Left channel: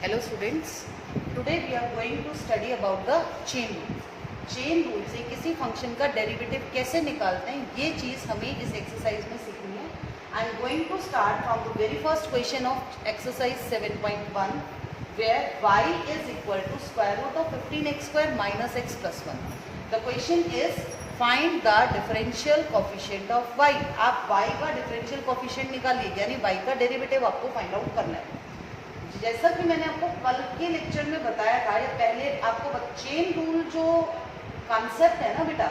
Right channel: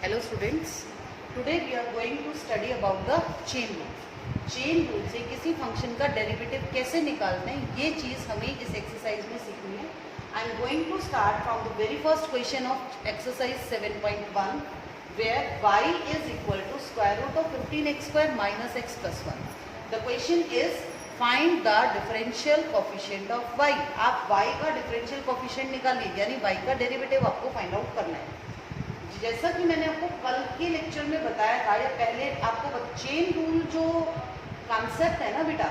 Hello students, today we are going to study about the chain rule. Chain rule से किसी function का derivative कैसे निकालते हैं ये चीज़ हमें इस एक्सरसाइज में सीखनी है. I am going to start from the very first question of exercise 7.1 where y is equal to square root of 15x square minus x plus 1. The question is find the differential coefficient of y. आप y का differential coefficient निकालिए, यानी y का derivative आपको find out करना है. जैसा कि मैंने आपको कल के लेक्चर में बताया था या पहले आपको चेन रूल जो कॉन्सेप्ट है ना बेटा,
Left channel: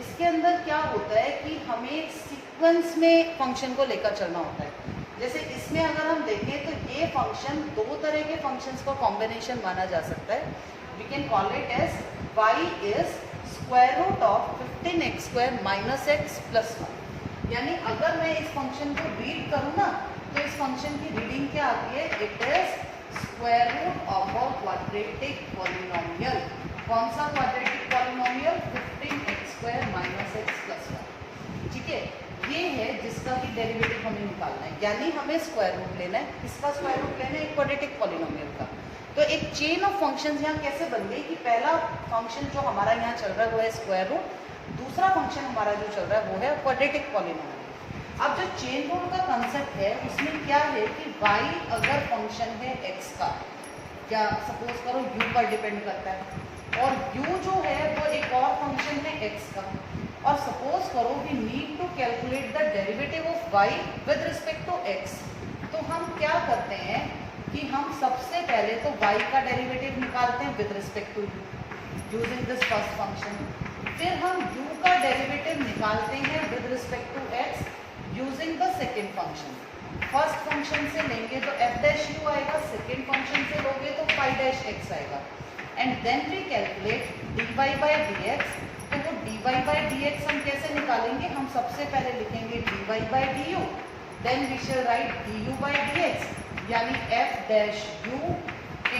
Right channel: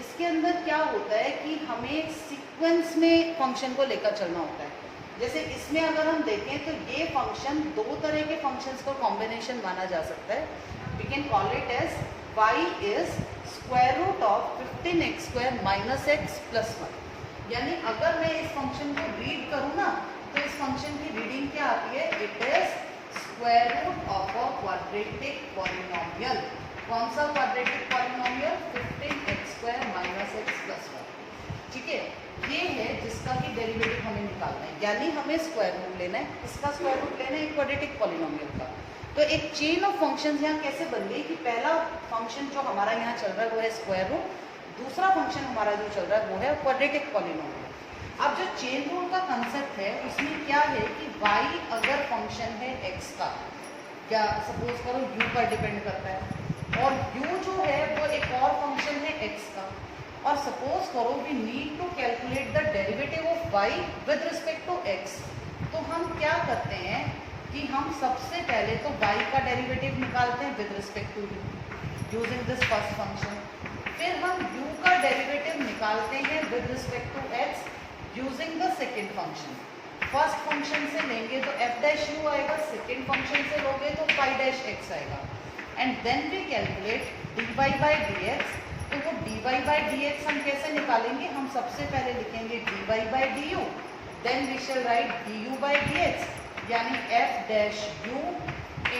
इसके अंदर क्या होता है कि हमें सीक्वेंस में फंक्शन को लेकर चलना होता है. जैसे इसमें अगर हम देखें तो ये फंक्शन दो तरह के फंक्शंस का कॉम्बिनेशन माना जा सकता है. We can call it as y is square root of 15x square minus x plus 1. यानी अगर मैं इस फंक्शन को रीड करूँ ना तो इस फंक्शन की रीडिंग क्या आती है? It is square root of a quadratic polynomial. कौन सा quadratic polynomial? 15x square minus x plus 1. ठीक है, ये है जिसका कि डेरिवेटिव हमें निकालना है, यानी हमें स्क्वायर रूट लेना है. किसका स्क्वायर रूट लेना है? क्वाड्रेटिक पॉलिनोमियल का. तो एक चेन ऑफ फंक्शंस यहाँ कैसे बन गई कि पहला फंक्शन जो हमारा यहाँ चल रहा है वो है स्क्वायर रूट, दूसरा फंक्शन हमारा जो चल रहा है वो है क्वाड्रेटिक पॉलिनोमियल. अब जो चेन रूल का कंसेप्ट है उसमें क्या है कि y अगर फंक्शन है x का, क्या सपोज करो u पर डिपेंड करता है और u जो है वो एक और फंक्शन है x का, और सपोज करो we need to calculate the derivative of y with respect to x. तो हम क्या करते हैं कि हम सबसे पहले तो y का डेरिवेटिव निकालते हैं with respect to u using this first function. फिर हम u का डेरिवेटिव निकालते हैं with respect to x using the second function. First function से लेंगे तो f डैश u आएगा, सेकेंड फंक्शन से लोगे तो फाई डैश x आएगा. And then we calculate dy by dx. तो वो dy बाई dx हम कैसे निकालेंगे? हम सबसे पहले लिखेंगे dy by du, then we shall write du by dx, यानी f dash u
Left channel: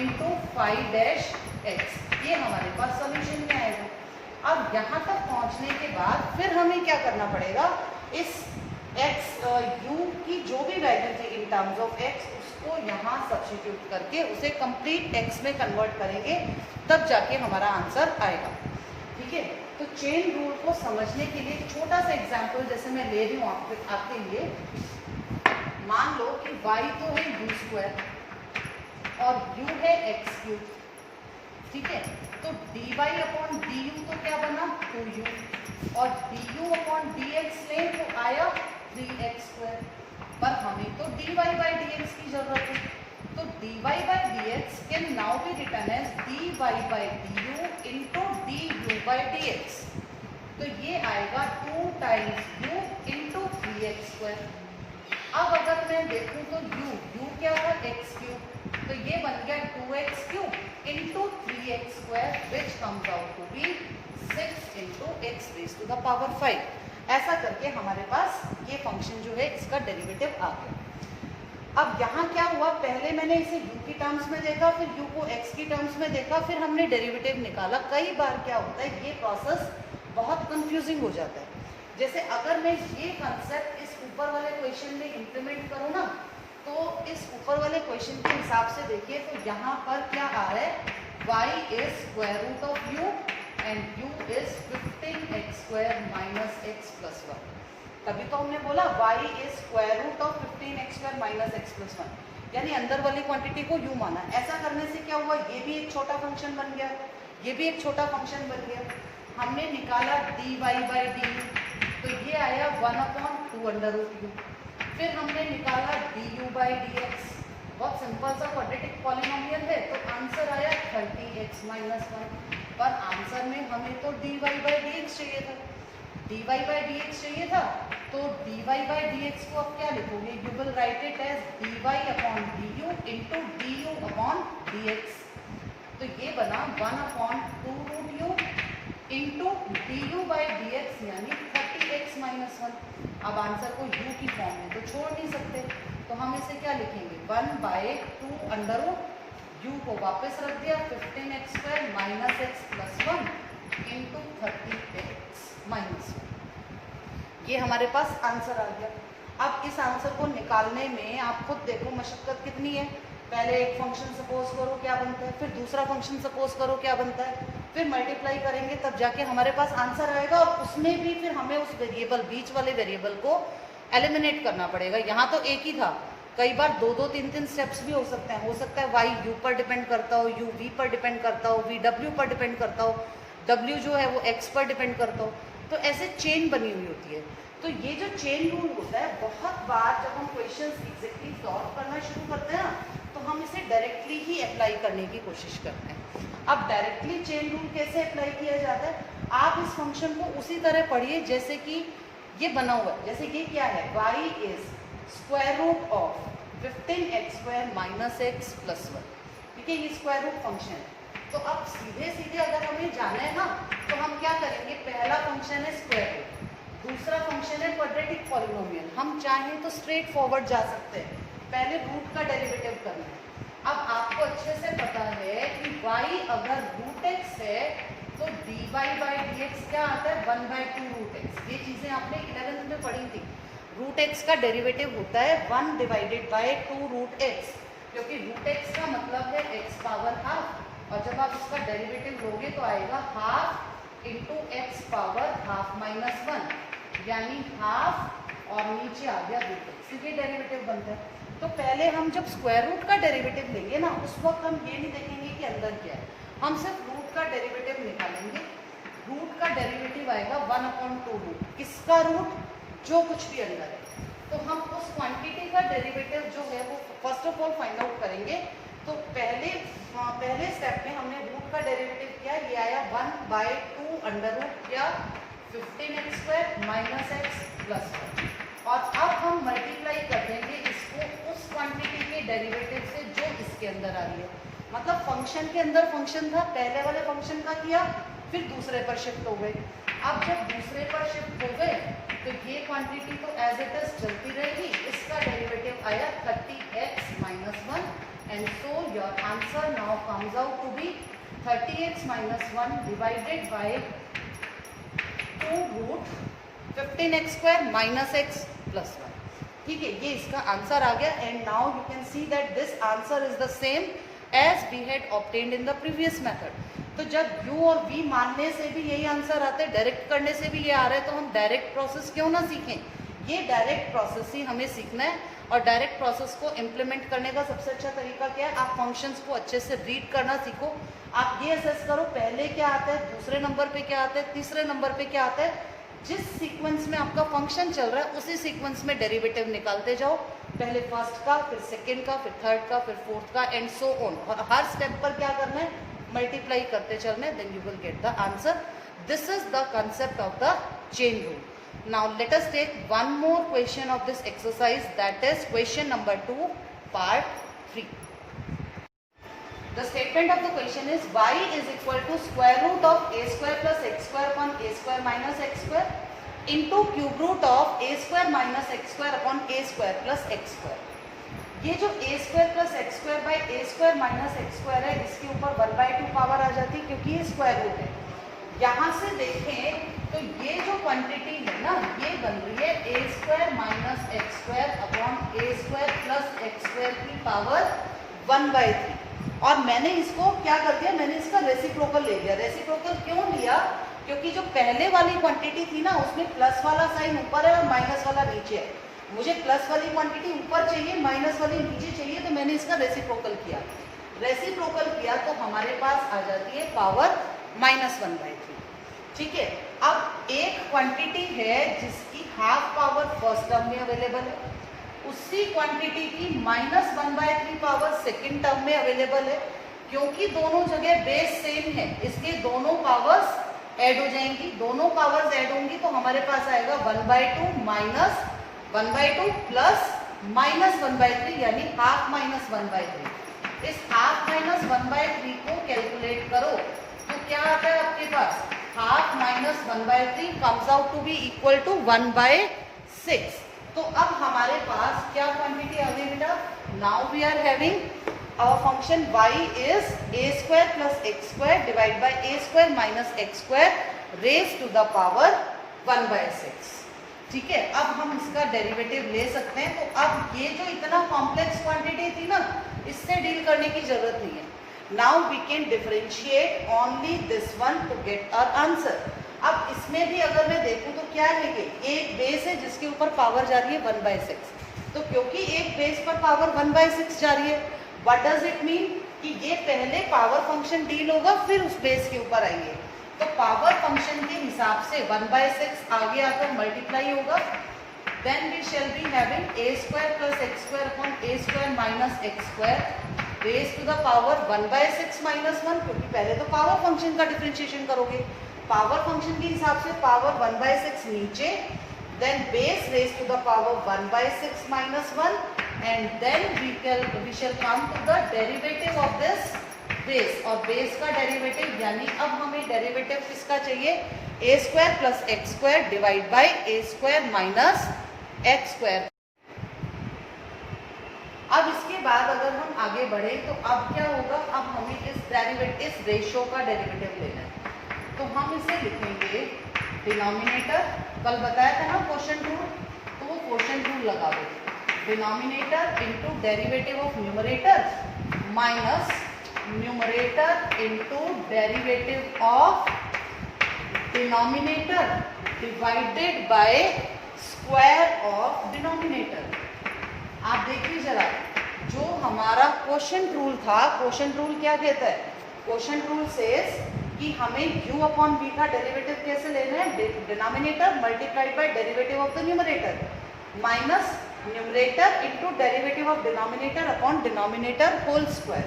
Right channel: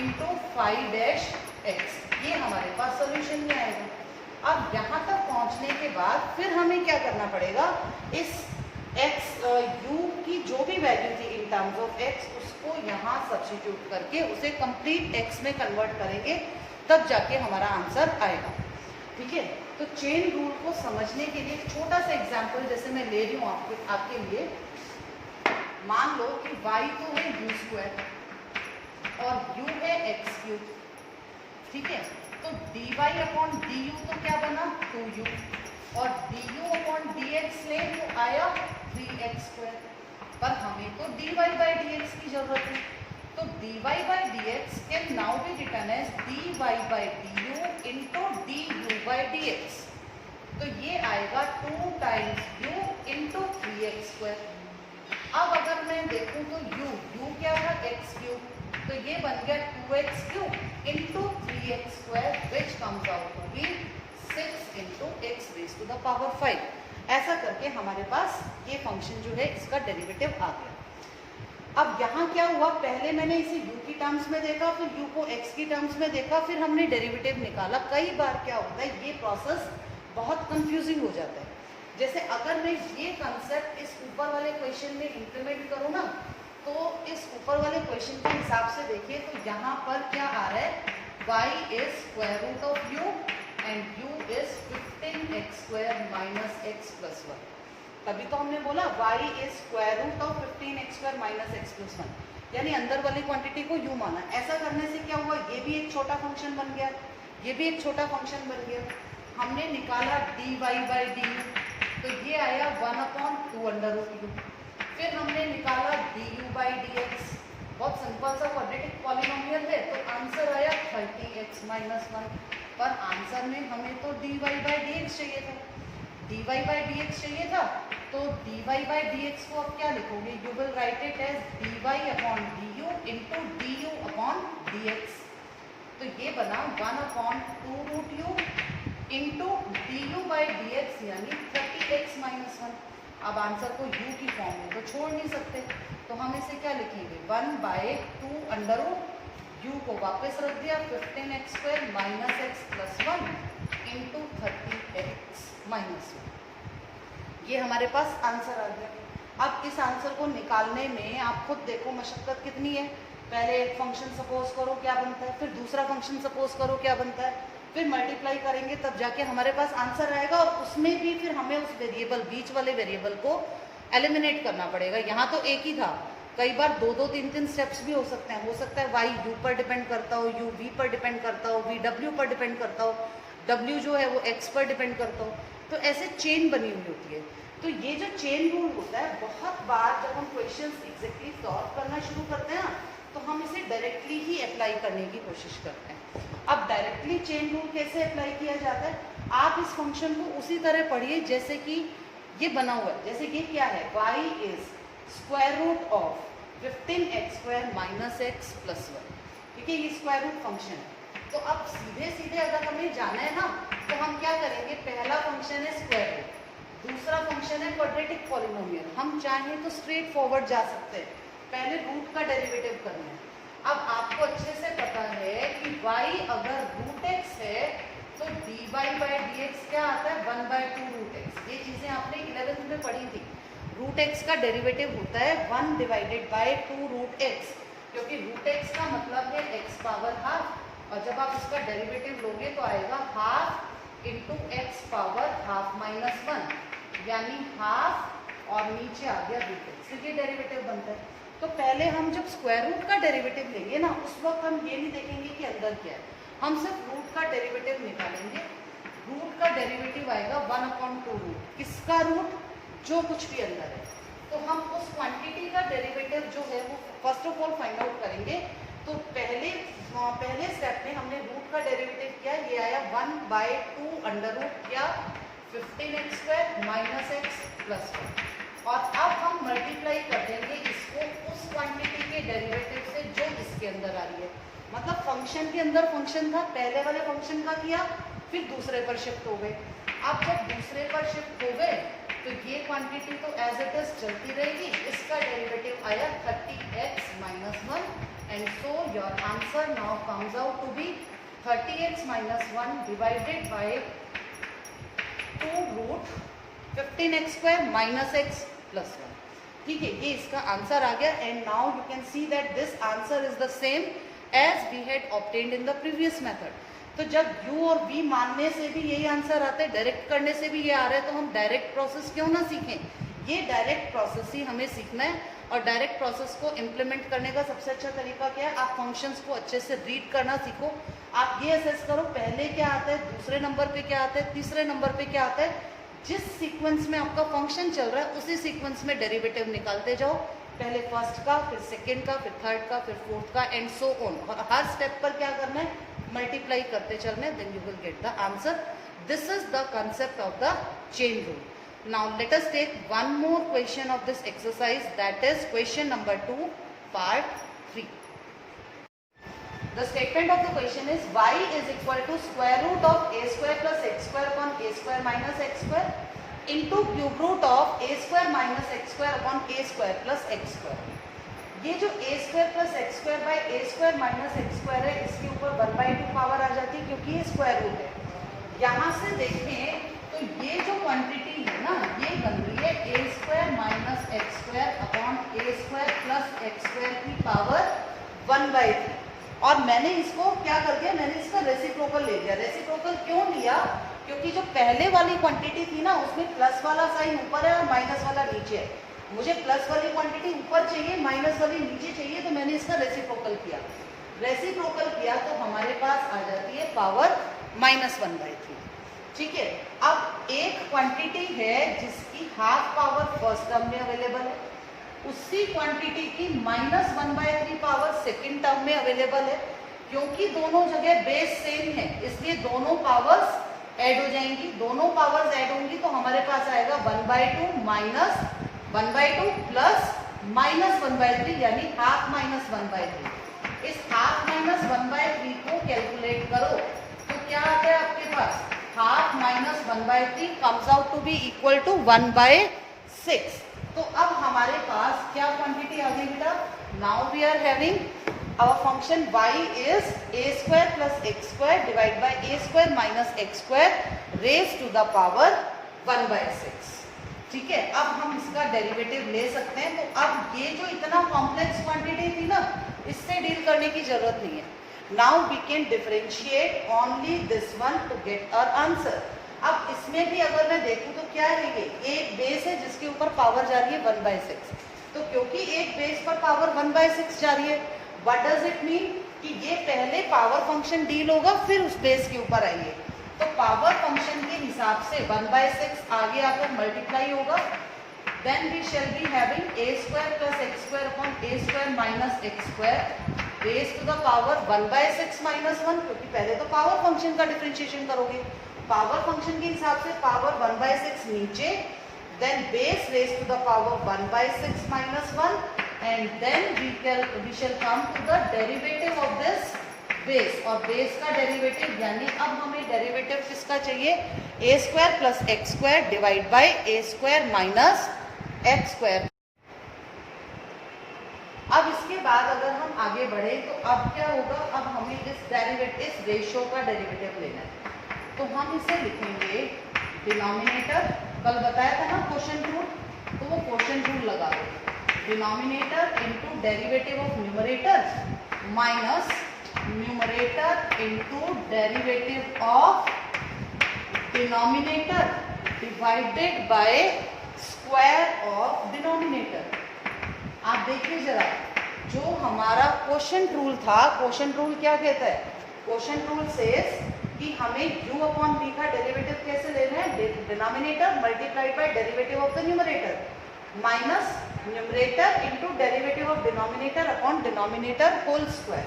into phi dash x. ये हमारे पास सोल्यूशन में आएगा. अब यहाँ तक पहुँचने के बाद फिर हमें क्या करना पड़ेगा? इस x u की जो भी वैल्यू थी इन टर्म्स ऑफ x उसको यहाँ सब्स्टिट्यूट करके उसे कंप्लीट x में कन्वर्ट करेंगे, तब जाके हमारा आंसर आएगा. ठीक है, तो चेन रूल को समझने के लिए छोटा सा एग्जांपल जैसे मैं ले रही हूँ आपके लिए. मान लो कि y तो है u स्क्वायर और u है x क्यूब. ठीक है, तो dy अपॉन du तो क्या बना? 2u, और du अपॉन dx लें तो आया 3x स्क्वायर. पर हमें तो dy बाई dx की जरूरत है, तो dy by dx can now be written as dy by du into du by dx. तो ये आएगा 2 times u into 3x square. अब अगर मैं देखूं तो u क्या था? x क्यूब, तो ये बन गया 2x cube into 3x square which comes out to be 6 into x raise to the power 5. ऐसा करके हमारे पास ये फंक्शन जो है इसका डेरिवेटिव आ गया. अब यहाँ क्या हुआ? पहले मैंने इसे u की टर्म्स में देखा, फिर u को x की टर्म्स में देखा, फिर हमने डेरिवेटिव निकाला. कई बार क्या होता है, ये प्रोसेस बहुत कंफ्यूजिंग हो जाता है. जैसे अगर मैं ये कंसेप्ट इस ऊपर वाले क्वेश्चन में इम्प्लीमेंट करूँ ना, तो इस ऊपर वाले क्वेश्चन के हिसाब से देखिए तो यहाँ पर क्या आ रहा है? y is square root of u and u is 15x square minus x plus 1. तभी तो हमने बोला y is square root of 15x square minus x plus 1, यानी अंदर वाली क्वांटिटी को u माना. ऐसा करने से क्या हुआ? ये भी एक छोटा फंक्शन बन गया, ये भी एक छोटा फंक्शन बन गया. हमने निकाला dy बाई du, तो ये आया 1 अपॉन 2 अंडर रूट u. फिर हमने निकाला du बाई dx, बहुत सिंपल सा क्वाड्रेटिक पॉलिनोमियल है, तो आंसर आया 30x माइनस 1. पर आंसर में हमें तो dy बाई dx चाहिए था, dy बाई dx चाहिए था, तो dy बाई dx को अब क्या लिखोगे? You will write it as dy upon du into du upon dx. तो ये बना 1 upon 2 root u into du by dx, यानी 30x माइनस 1. अब आंसर को u की फॉर्म में तो छोड़ नहीं सकते, तो हम इसे क्या लिखेंगे? 1 बाई 2 अंडर रूट u को वापस रख दिया 15x square minus x plus 1 into 30x minus 1. ये हमारे पास आंसर आ गया. अब इस आंसर को निकालने में आप खुद देखो मशक्कत कितनी है. पहले एक फंक्शन सपोज करो क्या बनता है, फिर दूसरा फंक्शन सपोज करो क्या बनता है, फिर मल्टीप्लाई करेंगे तब जाके हमारे पास आंसर आएगा। और उसमें भी फिर हमें उस वेरिएबल, बीच वाले वेरिएबल को एलिमिनेट करना पड़ेगा। यहाँ तो एक ही था, कई बार 2-2, 3-3 स्टेप्स भी हो सकते हैं। हो सकता है वाई यू पर डिपेंड करता हो, यू वी पर डिपेंड करता हो, वी डब्ल्यू पर डिपेंड करता हो, डब्ल्यू जो है वो एक्स पर डिपेंड करता हो। तो ऐसे चेन बनी हुई होती है। तो ये जो चेन रूल होता है, बहुत बार जब हम क्वेश्चंस एग्जैक्टली सॉल्व करना शुरू करते हैं ना, तो हम इसे डायरेक्टली ही अप्लाई करने की कोशिश करते हैं। अब डायरेक्टली चेन रूल कैसे अप्लाई किया जाता है, आप इस फंक्शन को उसी तरह पढ़िए जैसे कि ये बना हुआ है। जैसे ये क्या है, y is square root of 15x² minus x plus 1। ठीक है, ये स्क्वायर रूट फंक्शन है। तो अब सीधे सीधे अगर हमें जाना है ना, तो हम क्या करेंगे, पहला फंक्शन है स्क्वायर रूट, दूसरा फंक्शन है क्वाड्रेटिक पॉलिनोमियल। हम चाहें तो स्ट्रेट फॉरवर्ड जा सकते हैं, पहले रूट का डेरिवेटिव करना है। अब आपको अच्छे से पता है कि y अगर रूट x है तो dy बाई dx क्या आता है, 1/2 रूट x। ये चीजें आपने 11th में पढ़ी थी। रूट x का डेरिवेटिव होता है 1 डिवाइडेड बाय 2 रूट x, क्योंकि रूट x का मतलब है x पावर हाफ, और जब आप इसका डेरिवेटिव लोगे तो आएगा half into x power half minus 1, यानी हाफ और नीचे आ गया रूट x। ये डेरिवेटिव बनता है। तो पहले हम जब स्क्वायर रूट का डेरिवेटिव लेंगे ना, उस वक्त हम ये नहीं देखेंगे कि अंदर क्या है, हम सिर्फ रूट का डेरिवेटिव निकालेंगे। रूट का डेरिवेटिव आएगा 1/2 रूट, किसका रूट, जो कुछ भी अंदर है। तो हम उस क्वांटिटी का डेरिवेटिव जो है वो first of all find out करेंगे। तो पहले स्टेप में हमने रूट का डेरिवेटिव किया, ये आया 1/2 अंडर रूट या 15x² माइनस x प्लस 1। और अब हम मल्टीप्लाई कर देंगे इसको उस क्वांटिटी के डेरिवेटिव से जो इसके अंदर आ रही है। मतलब फंक्शन के अंदर फंक्शन था, पहले वाले फंक्शन का किया, फिर दूसरे पर शिफ्ट हो गए। अब जब दूसरे पर शिफ्ट हो गए तो ये क्वांटिटी तो एज इट इज चलती रहेगी। इसका डेरिवेटिव आया 30x minus 1, and so your answer now comes out to be 30x minus 1 divided by 2 root 15x² minus x plus 1। ठीक है, ये इसका आंसर आ गया। And now you can see that this answer is the same as we had obtained in the previous method. तो जब u और v मानने से भी यही आंसर आता है, डायरेक्ट करने से भी ये आ रहा है, तो हम डायरेक्ट प्रोसेस क्यों ना सीखें। ये डायरेक्ट प्रोसेस ही हमें सीखना है। और डायरेक्ट प्रोसेस को इम्प्लीमेंट करने का सबसे अच्छा तरीका क्या है, आप फंक्शंस को अच्छे से रीड करना सीखो। आप ये असेस करो पहले क्या आता है, दूसरे नंबर पे क्या आता है, तीसरे नंबर पे क्या आता है। जिस सीक्वेंस में आपका फंक्शन चल रहा है उसी सीक्वेंस में डेरिवेटिव निकालते जाओ, पहले फर्स्ट का, फिर सेकेंड का, फिर थर्ड का, फिर फोर्थ का, एंड सो ऑन। हर स्टेप पर क्या करना है, मल्टीप्लाई करते चलना है, then you will get the answer. This is the concept of the chain rule. Now let us take one more question of this exercise, that is question number 2 part 3. The statement of the question is y is equal to square root of a² plus x² upon a² minus x² into cube root of a² minus x² upon a² plus x²। ये जो a² plus x² by a² minus x² है, इसके ऊपर 1/2 power आ जाती है क्योंकि ये square root है। यहाँ से देखें तो ये जो क्वांटिटी है ना, ये बन रही है a² minus x² upon a² plus x² की पावर 1/3। और मैंने इसको क्या कर दिया, मैंने इसका रेसिप्रोकल ले लिया। रेसिप्रोकल क्यों लिया, क्योंकि जो पहले वाली क्वांटिटी थी ना, उसमें प्लस वाला साइन ऊपर है और माइनस वाला नीचे है। मुझे प्लस वाली क्वांटिटी ऊपर चाहिए, माइनस वाली नीचे चाहिए, तो मैंने इसका रेसिप्रोकल किया। रेसिप्रोकल किया तो हमारे पास आ जाती है पावर -1/3। ठीक है, अब एक क्वांटिटी है जिसकी हाफ पावर फर्स्ट टर्म में अवेलेबल है, उसी क्वांटिटी की -1/3 पावर सेकेंड टर्म में अवेलेबल है। क्योंकि दोनों जगह बेस सेम है, इसलिए दोनों पावर्स ऐड हो जाएंगी। दोनों पावर्स ऐड होंगी तो हमारे पास आएगा 1/2 माइनस 1/2 प्लस -1/3, यानी हाफ माइनस 1/3। इस हाफ माइनस 1/3 को कैलकुलेट करो तो क्या आता है आपके पास, half minus 1/3 comes out to be equal to 1/6। तो अब हमारे पास क्या क्वांटिटी आ गई बेटा, now we are having our function y is a² plus x² divide by a² minus x² raise to the power 1/6। ठीक है, अब हम इसका डेरिवेटिव ले सकते हैं। तो अब ये जो इतना कॉम्प्लेक्स क्वांटिटी थी ना, इससे डील करने की जरूरत नहीं है. Now we can differentiate only this one to get our answer. अब इसमें भी अगर मैं देखूं तो क्या है, ये एक बेस है जिसके ऊपर पावर जा रही है 1/6. तो क्योंकि एक बेस पर पावर 1/6 जा रही है, व्हाट डज इट मीन कि ये पहले पावर फंक्शन डील होगा फिर उस बेस के ऊपर आइए. तो पावर फंक्शन के हिसाब से 1/6 आगे आकर मल्टीप्लाई होगा. Then we shall be having a² + x² upon a² - x² raise to the power 1/6 - 1, क्योंकि पहले तो पावर फंक्शन का डिफरेंशिएशन करोगे. पावर फंक्शन के हिसाब से पावर 1/6 नीचे, then base raise to the power 1/6 - 1, and then we shall come to the derivative of this base. और बेस का डेरिवेटिव यानी अब हमें डेरिवेटिव किसका चाहिए, a² + x² divide by a² - x². अब इसके बाद अगर हम आगे बढ़े तो अब क्या होगा, अब हमें इस रेशियो का डेरिवेटिव लेना है. तो हम इसे लिखेंगे डिनोमिनेटर, कल बताया था ना क्वोशंट रूल, तो वो क्वोशंट रूल लगा दो. Denominator into derivative of numerator minus numerator into derivative of denominator divided by square of denominator. आप देखिए जरा, जो हमारा क्वोशंट रूल था, क्वोशंट रूल क्या कहता है, क्वोशंट रूल सेज कि हमें u अपॉन v का डेरिवेटिव कैसे लेना है, denominator multiplied by derivative of the numerator minus numerator into derivative of denominator upon denominator whole square.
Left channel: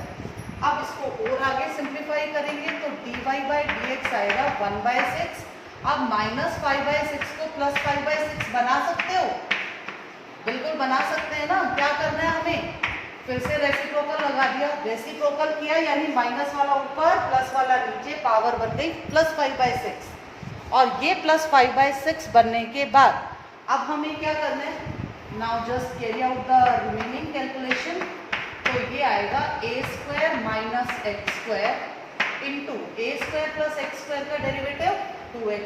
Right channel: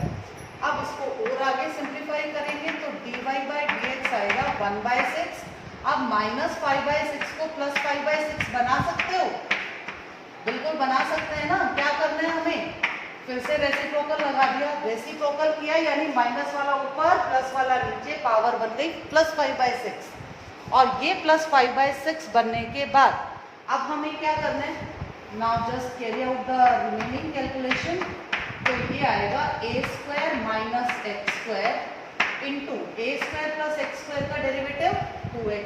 अब इसको और आगे सिंप्लीफाई करेंगे तो dy बाय dx आएगा 1/6. अब -5/6 को +5/6 बना सकते हो, बिल्कुल बना सकते हैं ना. क्या करना है हमें, फिर से रेसिप्रोकल लगा दिया, रेसिप्रोकल किया यानी माइनस वाला ऊपर प्लस वाला नीचे, पावर बन गई +5/6. और ये +5/6 बनने के बाद अब हमें क्या करना है, now just carry out the remaining calculation. तो ये आएगा a² - x² into a² + x² का derivative 2x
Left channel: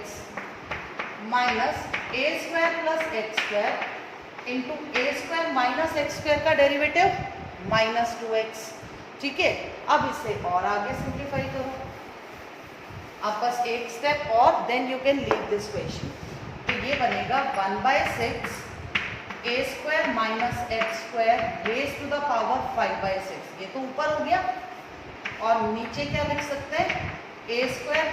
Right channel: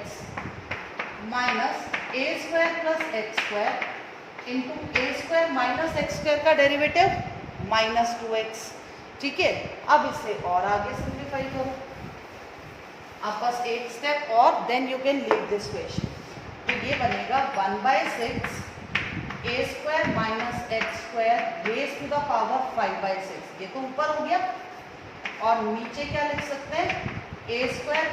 minus a² + x² into a² - x² का डेरिवेटिव -2x. ठीक है, अब इसे और आगे सिंप्लीफाई करो. अब बस एक स्टेप और, then you can leave this question. तो ये बनेगा 1/6 a² - x² raise to the power 5/6. ये तो ऊपर हो गया, और नीचे क्या लिख सकते हैं, a²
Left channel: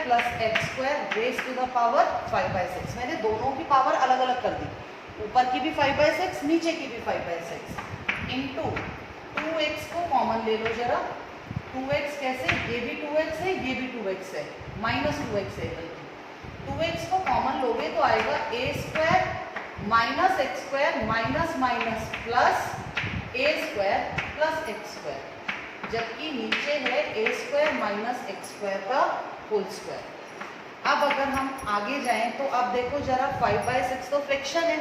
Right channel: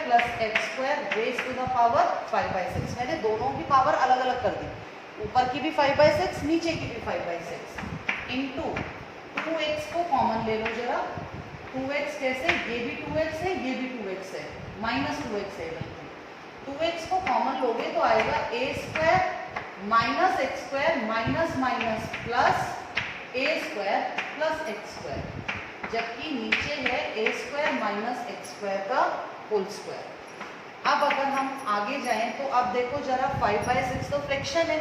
+ x² raise to the power 5/6. मैंने दोनों की पावर अलग अलग कर दी, ऊपर की भी 5/6 नीचे की भी 5/6 इंटू 2x को कॉमन ले लो जरा. 2x कैसे, ये भी 2x है, ये भी 2x है, -2x है. 2x को कॉमन लोगे तो आएगा a² - x² minus minus plus a² + x², जबकि नीचे है a² - x² का होल स्क्वायर. अब अगर हम आगे जाएं तो अब देखो जरा, 5/6 तो फ्रैक्शन है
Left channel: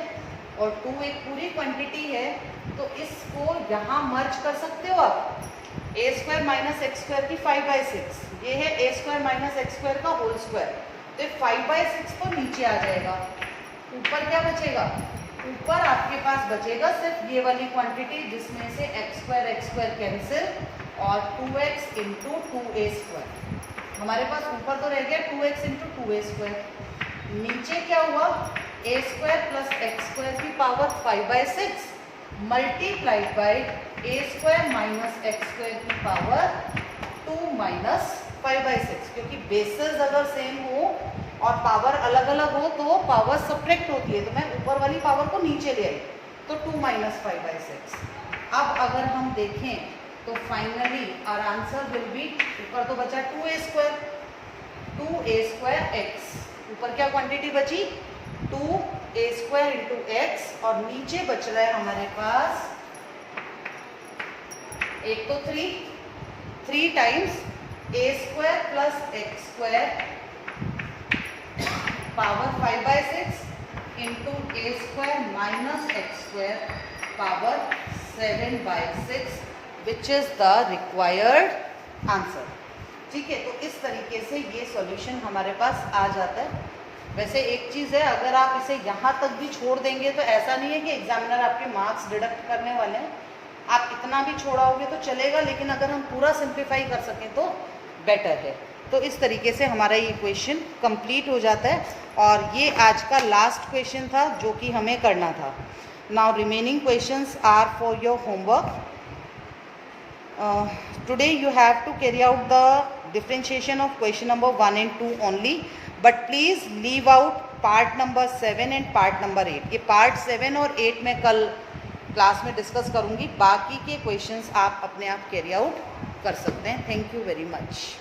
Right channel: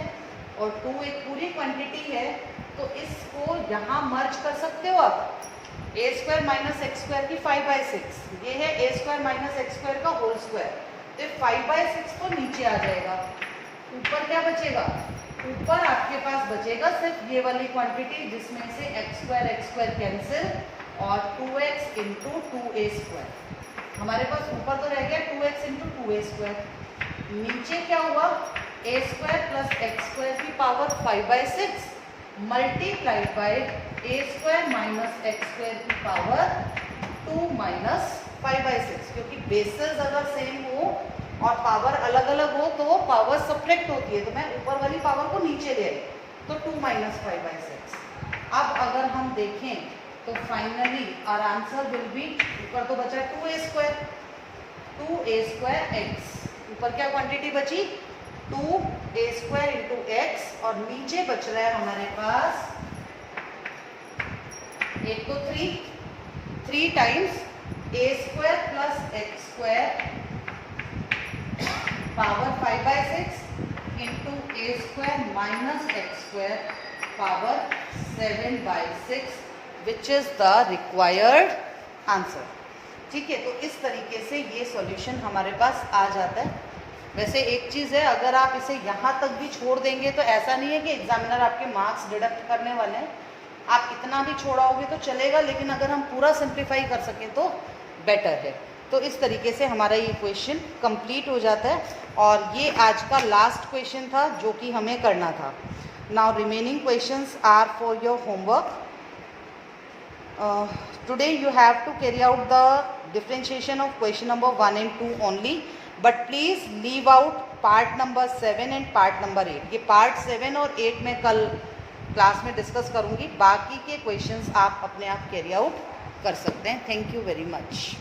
और 2 एक पूरी क्वांटिटी है, तो इसको यहाँ मर्ज कर सकते हो आप. a² - x² की 5/6, ये है a² - x² का होल स्क्वायर. तो 5/6 तो नीचे आ जाएगा, ऊपर क्या बचेगा, ऊपर आपके पास बचेगा सिर्फ ये वाली क्वांटिटी जिसमें से x² कैंसिल और 2x इंटू 2a². हमारे पास ऊपर तो रह गया 2x इंटू 2a². नीचे क्या हुआ, a² + x² की power 5/6 multiplied by a² - x² की पावर 2 - 5/6. क्योंकि बेसेस अगर सेम हो और पावर अलग अलग हो तो वो पावर सब्ट्रैक्ट होती है, तो मैं ऊपर वाली पावर को नीचे ले आई, तो 2 - 5/6. अब अगर हम देखें तो finally our answer will be, ऊपर तो बचा 2a², 2a²x, ऊपर क्या क्वांटिटी बची 2a² इंटू x, और नीचे बच रहा है हमारे पास एक तो 3 times a² + x² power 5/6 into a² - x² power 7/6 which is the required answer. ठीक है, तो इस तरीके से ये सॉल्यूशन हमारे पास आ जाता है. वैसे एक चीज़ है, अगर आप इसे यहाँ तक भी छोड़ देंगे तो ऐसा नहीं है कि एग्जामिनर आपके मार्क्स डिडक्ट करने वाले हैं. आप इतना भी छोड़ाओगे तो चलेगा, लेकिन अगर हम पूरा सिंप्लीफाई कर सकें तो बेटर है। तो इस तरीके से हमारा ये क्वेश्चन कंप्लीट हो जाता है, और ये आज का लास्ट क्वेश्चन था जो कि हमें करना था। Now remaining questions are for your homework. Today you have to carry out the differentiation of question number 1 and 2 only, but please leave out part number 7 and part number 8. ये part 7 और 8 मैं कल क्लास में discuss करूँगी। बाकी के questions आप अपने आप कैरी आउट कर सकते हैं। Thank you very much.